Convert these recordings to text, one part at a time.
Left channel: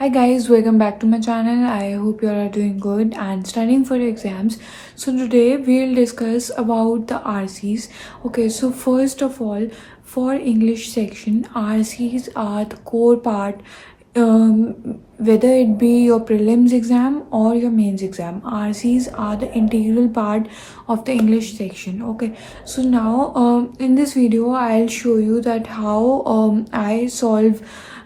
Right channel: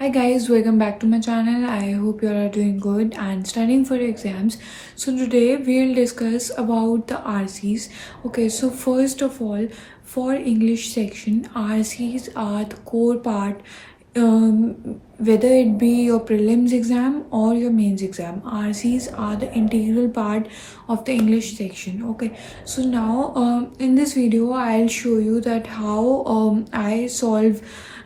Hi guys, welcome back to my channel. I hope you all are doing good and studying for exams. So today we'll discuss about the RCs. Okay, so first of all, for English section, RCs are the core part. Whether it be your prelims exam or your mains exam, RCs are the integral part of the English section. Okay, so now in this video I'll show you that how I solve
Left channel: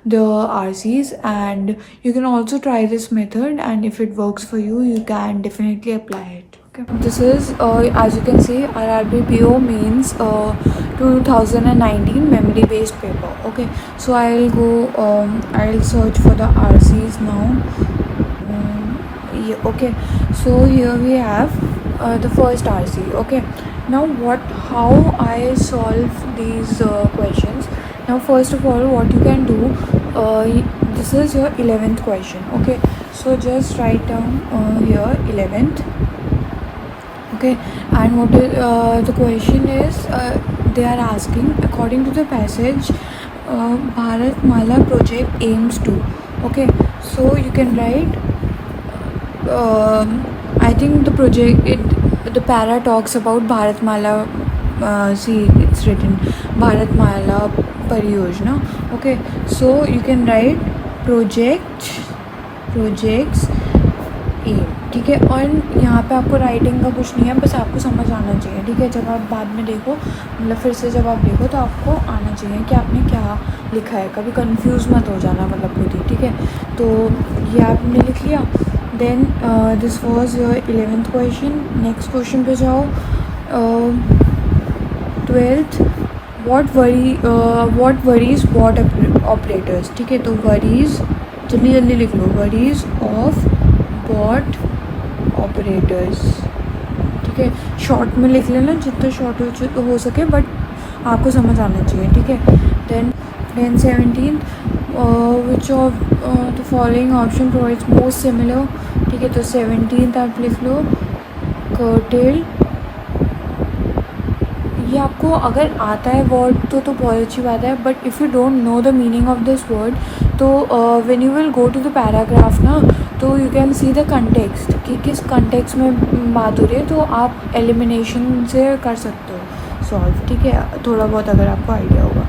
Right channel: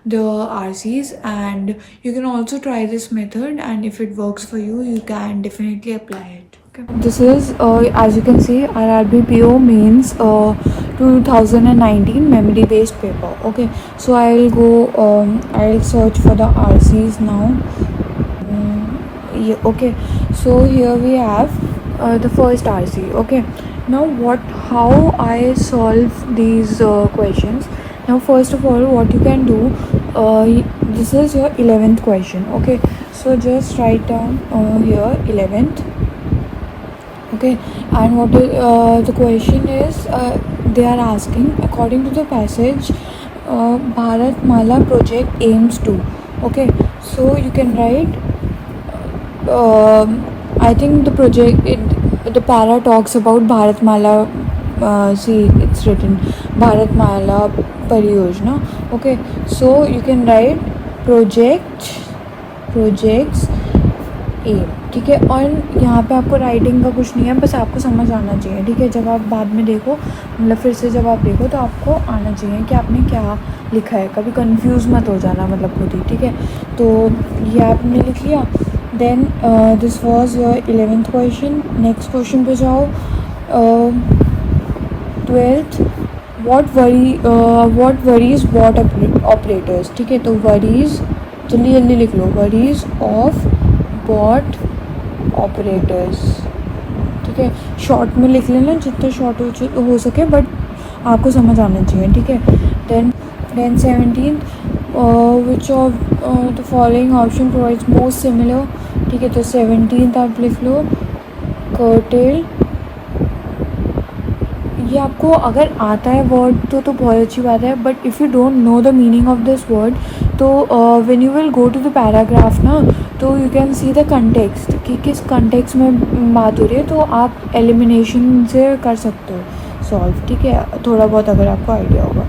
the RCs, and you can also try this method, and if it works for you, you can definitely apply it. Okay, this is as you can see, RRBPO means 2019 memory based paper. Okay, so I'll search for the RCs now. Yeah, okay, so here we have the first RC. Okay, now how I solve these questions. Now first of all, what you can do, this is your 11th question. Okay, so just write down here 11th. Okay, and what the question is, they are asking, according to the passage, Bharat Mala project aims to. Okay, so you can write, I think the para talks about Bharat Mala. See, it's written Bharat Mala Pariyojana. Okay, so you can write projects ए. ठीक है, और यहाँ पे आपको writing का कुछ नहीं है, बस आपको समझ आना चाहिए. ठीक है, जब आप बाद में देखो, मतलब फिर से जब आप देखो तो आपको आना चाहिए कि आपने क्या लिखा है. कभी कंफ्यूज मत हो जाना, मतलब खुद ही. ठीक है, तो ये आपने लिख लिया. Then this was your 11th question. Next question पे जाओ. 12th, what worries what operators. ठीक है, तो worries जल्दी जल्दी लिख लो. worries of what operators. ठीक है, शॉर्ट में लिख लेना, जितना शॉर्ट हो सके, बट आपको समझ आना चाहिए. ठीक है, then 17th, which of the following option provides most similar. ठीक है, तो 17th आप लिख लो curtail. ये आपको अगर आता है वर्ड तो बहुत अच्छी बात है, but if you don't know the meaning of this word, तो when you will go to the paragraph ना, तो you can see the context कि किस कंटेक्स्ट में बात हो रही है, तो आप एलिमिनेशन से कर सकते हो सॉल्व. ठीक है, थोड़ा बहुत अगर आपको आइडिया होगा.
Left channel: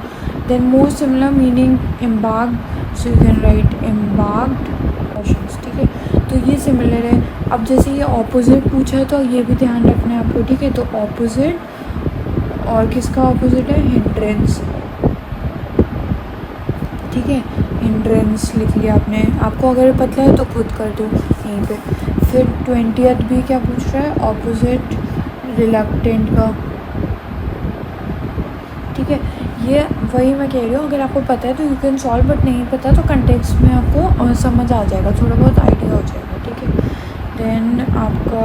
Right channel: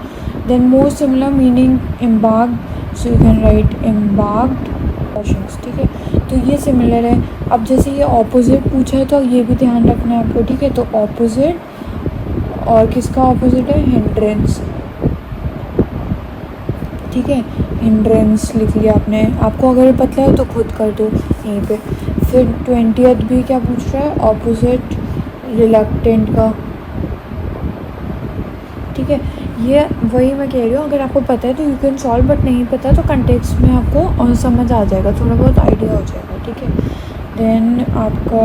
Then most similar meaning embarked, so you can write embarked questions. ठीक है, तो ये सिमिलर है. अब जैसे ये ऑपोजिट पूछा है तो ये भी ध्यान रखना है आपको. ठीक है, तो ऑपोजिट, और किसका ऑपोजिट है? हिंड्रेंस. ठीक है, हिंड्रेंस लिख लिया आपने. आपको अगर पता है तो खुद कर दो यहीं पे. फिर 20th भी क्या पूछ रहा है? ऑपोजिट रिलक्टेंट का. ठीक है, ये वही मैं कह रही हूँ, अगर आपको पता है तो यू कैन सॉल्व, बट नहीं पता है तो कंटेक्स्ट में आपको समझ आ जाएगा, थोड़ा बहुत आइडिया हो जाएगा. ठीक है, देन आपका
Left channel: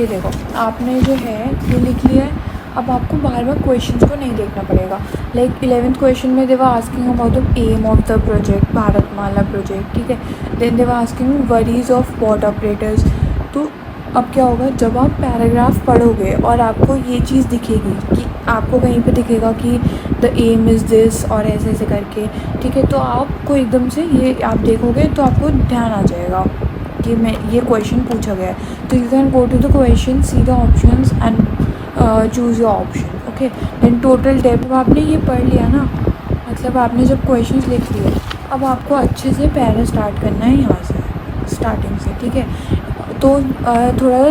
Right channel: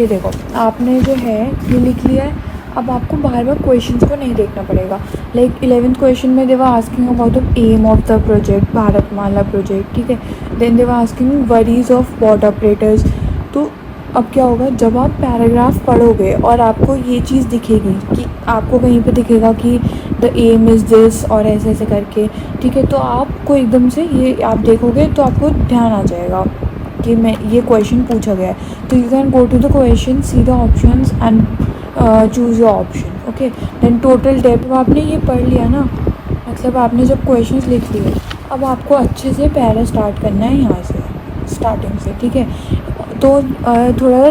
ये देखो, आपने जो है ये लिख लिया है. अब आपको बार बार क्वेश्चन को नहीं देखना पड़ेगा. लाइक 11th क्वेश्चन में they were asking about the aim of the project, Bharatmala project. ठीक है, then they were asking worries of what operators. तो अब क्या होगा, जब आप पैराग्राफ पढ़ोगे और आपको ये चीज़ दिखेगी कि आपको कहीं पे दिखेगा कि द एम इज़ दिस और ऐसे ऐसे करके. ठीक है, तो आपको एकदम से ये आप देखोगे तो आपको ध्यान आ जाएगा कि मैं ये क्वेश्चन पूछा गया है. तो you can go to the question, see the options and choose your option. Okay, then total depth, आपने ये पढ़ लिया ना, मतलब आपने जब क्वेश्चन लिख लिए, अब आपको अच्छे से पैरा स्टार्ट करना है यहाँ से, स्टार्टिंग से. ठीक है, तो थोड़ा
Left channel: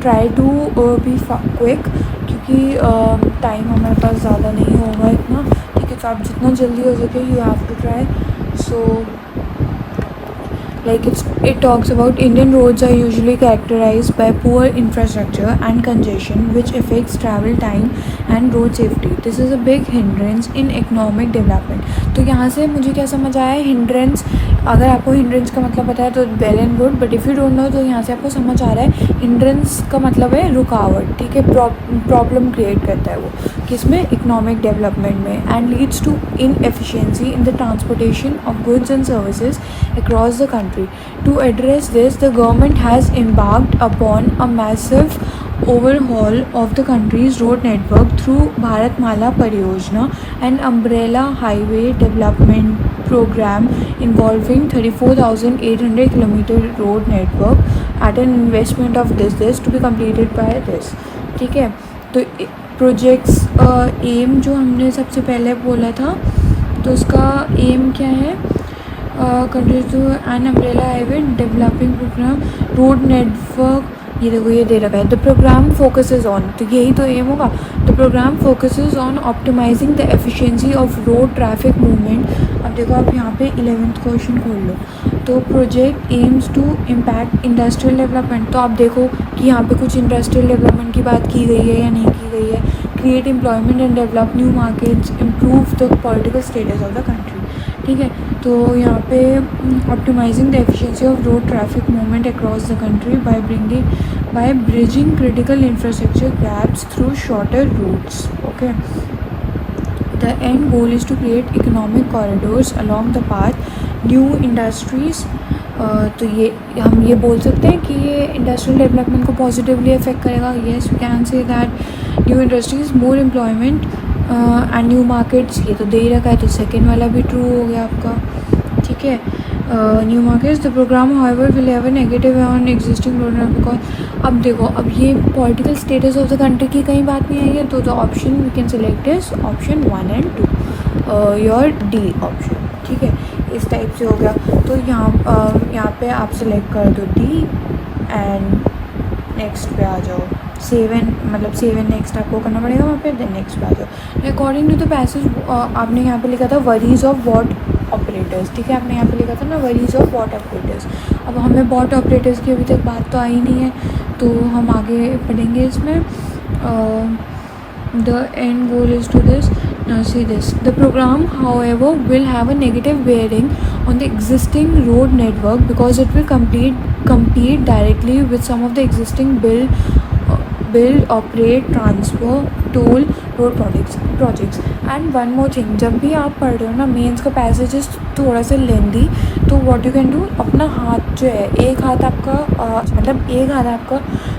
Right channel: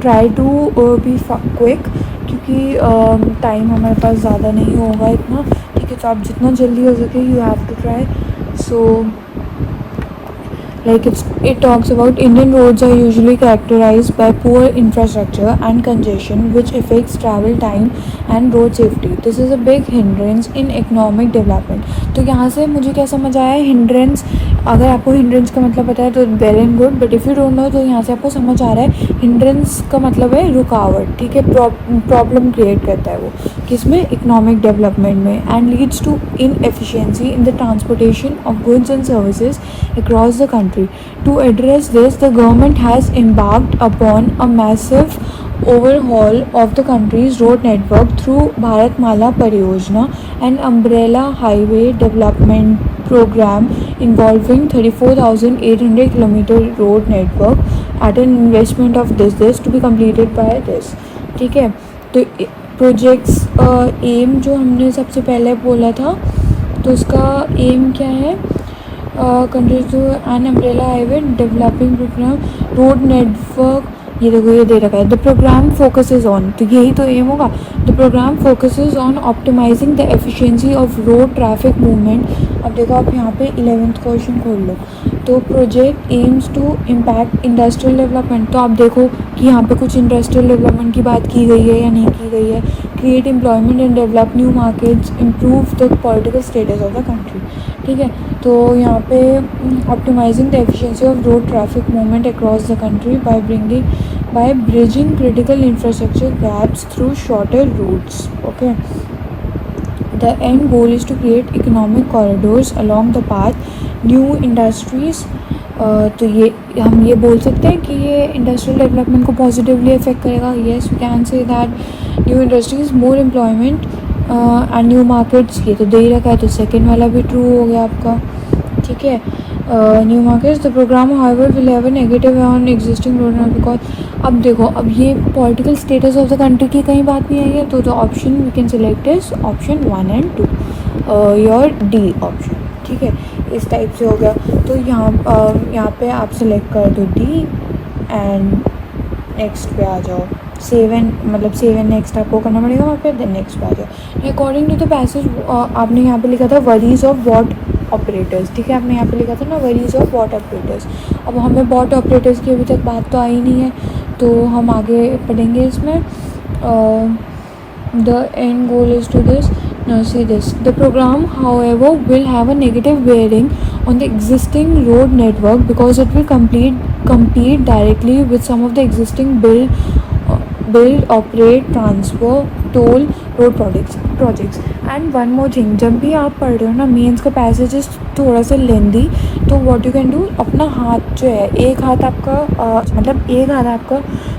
ट्राई टू बी क्विक, क्योंकि टाइम हमारे पास ज़्यादा नहीं होगा इतना. ठीक है, तो आप जितना जल्दी हो सके you have to try. So like it talks about Indian roads are usually characterized by poor infrastructure and congestion which affects travel time and road safety. This is a big hindrance in economic development. तो यहाँ से मुझे क्या समझ आया है, hindrance, अगर आपको hindrance का मतलब पता है तो well and good, but if you don't know तो यहाँ से आपको समझ आ रहा है hindrance का मतलब है रुकावट. ठीक है, प्रॉब्लम क्रिएट करता है वो किसमें, इकोनॉमिक डेवलपमेंट में, and leads to inefficiency in the transportation of goods and services across the country. To address this, the government has embarked upon a massive overhaul of the country's road network through Bharatmala Pariyojana, an umbrella highway development program involving 34,800 kilometer road network at an investment of this to be completed by this. ठीक है, तो projects M जो हमने सबसे पहले बोला था, तो उसका एम क्या है? Country to an umbrella highway developing programme road network, ये देखो ये दे रखा है, द प्रोग्राम फोकसेस ऑन, तो यही तो एम होगा। The programme focuses on optimising the efficiency of road traffic movement. अब देखो आप यहाँ पे 11th क्वेश्चन खोल लो, तो project aims to impact industrial development, तो आप देखो कि यहाँ पे कुछ इंडस्ट्रियल डेवलपमेंट की बात की गई है या नहीं की गई है। Create employment and develop new markets, improve the political status of the country. ठीक है, तो यहाँ पे optimising the efficiency of road traffic movement across the country by bridging critical infrastructure gaps through shorter routes. Okay, the end goal is to create economic corridors along the path new industries. तो ये हम ये बोल सकते हैं कि ये industrial development को पॉजिटिवली अफेक्ट करेगा। Yes, we can say that new industries, more employment and new markets, ये तो दे ही रखा है, तो सेकेंड वाला भी ट्रू हो गया आपका। ठीक है, new markets, the programme however will have a negative on existing road, because अब देखो अब ये political status of the country की कहीं बात नहीं आई है, तो the option we can select is option 1 and 2, your D option. ठीक है, इस टाइप से हो गया, तो यहाँ पे आप सेलेक्ट कर दो डी एंड नेक्स्ट पे आ जाओ। सेव एंड नेक्स्ट आपको करना पड़ेगा वहाँ पे, देन नेक्स्ट पे आ जाओ। अकॉर्डिंग टू द पैसेज आपने यहाँ पे लिखा था वरीज ऑफ वॉट ऑपरेटर्स। ठीक है, आपने यहाँ पे लिखा था ना वरीज ऑफ वॉट ऑपरेटर्स। अब हमें वॉट ऑपरेटर्स की अभी तक बात तो आई नहीं है, तो हम आगे पढ़ेंगे इसमें। The end goal is to this. Now see this. The program, however, will have a negative bearing on the existing road network because it will compete directly with some of the existing build, operate, transfer, toll road projects. And one more thing, जब भी आप पढ़ रहे हो ना mains का passage थोड़ा सा लेंदी, तो व्हाट यू कैन डू, अपना हाथ जो है एक हाथ आपका एक हाथ आपका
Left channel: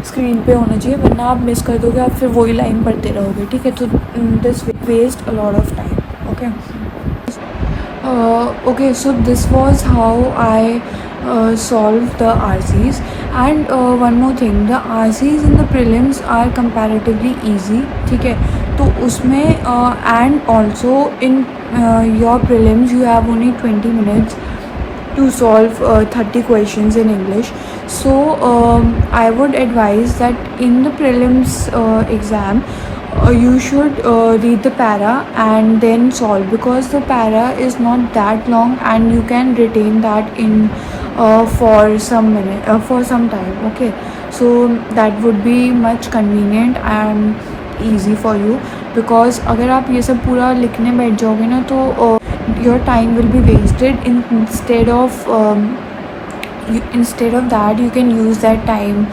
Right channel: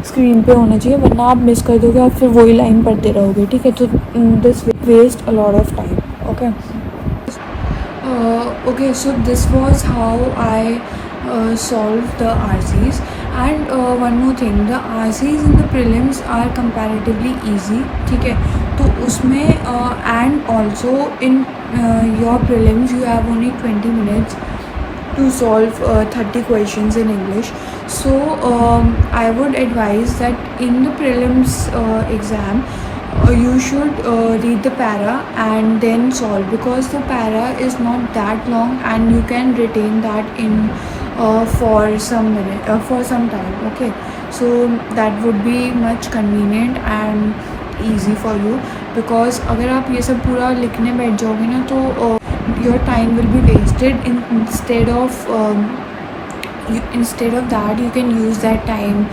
स्क्रीन पे होना चाहिए, वरना आप मिस कर दोगे और फिर वही लाइन पढ़ते रहोगे। ठीक है, तो this waste a lot of time. Okay, so this was how I solve the RCs, and one more thing, the RCs in the prelims are comparatively easy. ठीक है, तो उसमें and also in your prelims you have only 20 minutes to solve 30 questions in English. So I would advise that in the prelims exam you should read the para and then solve, because the para is not that long and you can retain that in for some time. Okay, so that would be much convenient and easy for you, because अगर आप ये सब पूरा लिखने बैठ जाओगे ना तो your time will be wasted. Instead of that you can use that time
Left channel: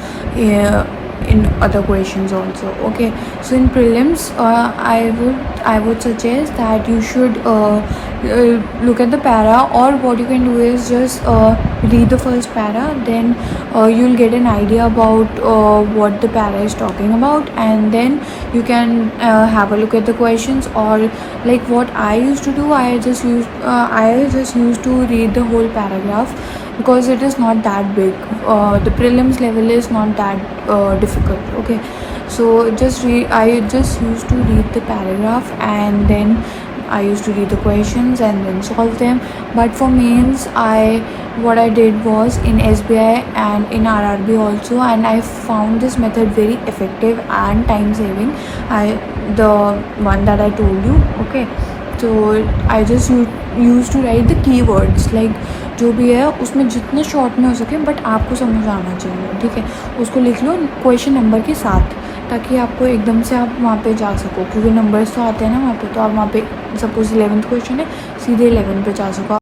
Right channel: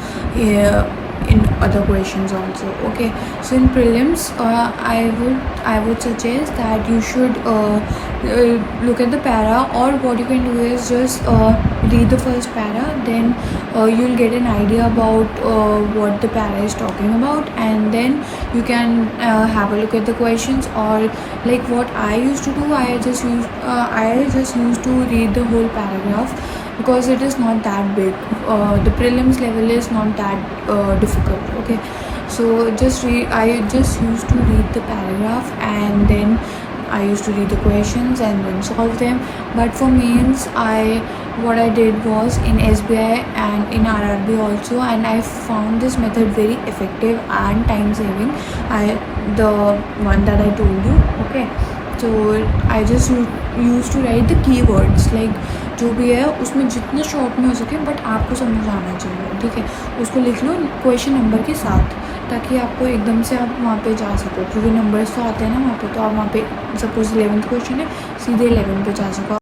in other questions also. Okay, so in prelims I would suggest that you should look at the para, or what you can do is just read the first para, then you'll get an idea about what the para is talking about, and then you can have a look at the questions. Or like what I used to do, I just used to read the whole paragraph, because it is not that big. The prelims level is not that difficult. Okay, so I just used to read the paragraph, and then I used to read the questions and then solve them. But for mains, what I did was in SBI and in RRB also, and I found this method very effective and time saving. The one that I told you. Okay, so I just used to write the keywords, like जो भी है उसमें जितने short में हो सके, but आपको समझ आना चाहिए। ठीक है, उसको लिख लो क्वेश्चन नंबर के साथ, ताकि आपको एकदम से आप वहाँ पे जा सको, क्योंकि नंबर्स तो आते हैं ना वहाँ पे, तो आप वहाँ पे सपोज 11th क्वेश्चन है, सीधे 11 पे जा सको।